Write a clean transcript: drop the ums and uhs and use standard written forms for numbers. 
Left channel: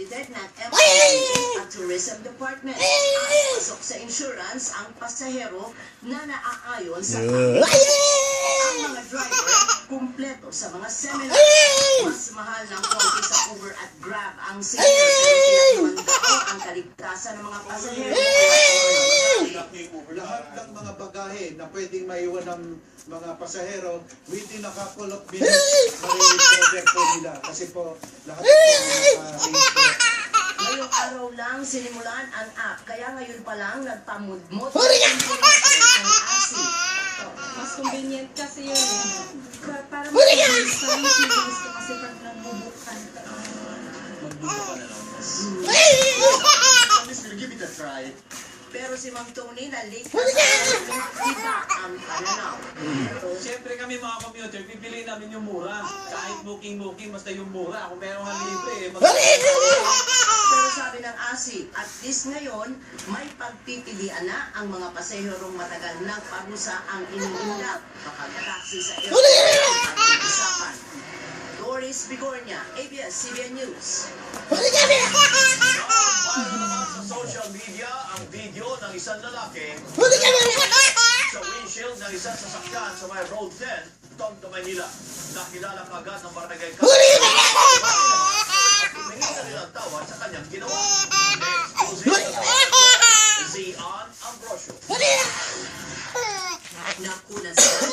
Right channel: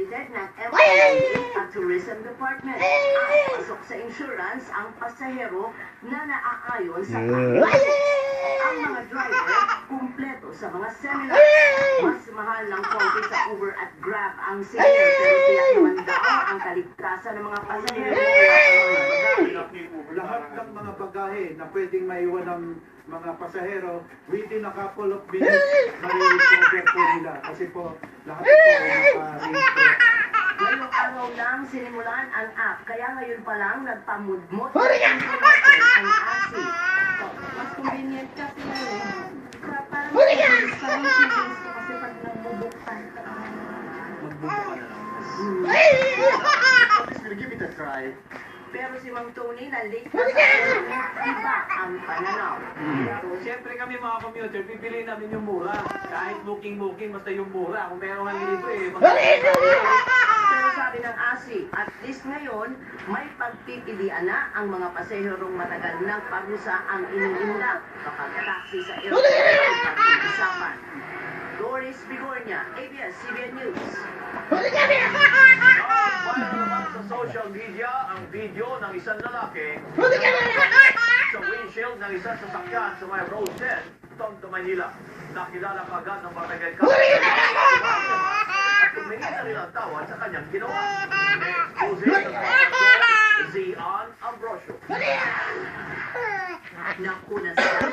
accredited ng MIA at Tourism Department. Ang pasok sa insurance ang pasahero na naaayon sa ang mga driver kumpleto sa mga seminar. Mas mahal ng konti sa Uber at Grab ang senior pero pinaiwan daw ang kaligtasan ng mga pasahero. Lahat ng mga bagahe na pwedeng maiwan ng mga pasahero within a couple of minutes ma-recover po nila kasi po lahat po Ngayong araw lang sinimulan ang app kaya ngayon pa lang nagpamudmod ang impormasyon ang ASI. Mas convenient kasi yun. Parang mas gusto kasi pag nabubuktan ka. give it a try. Pero si Ma'am Tony na late na sa iba ang pananaw. Siyempre kami mga commuter, pipili namin yung mura. Kahit booking, basta yung mura. Kung meron kang libre, Pero sabi ng ASI, at least ngayon, may pagpipilian na ang mga pasaherong matagal ng parusa ang iniindak kapag taxi sa airport at pag-usapan. Doris Bigornia, ABS-CBN News. Sa social media, ang video ng isang lalaki sa windshield ng isang sasakyan sa may Road 10, Tondo, Manila. Nakilala agad ng barangay at tumingin na nilang tawad sa kanyang ginawa.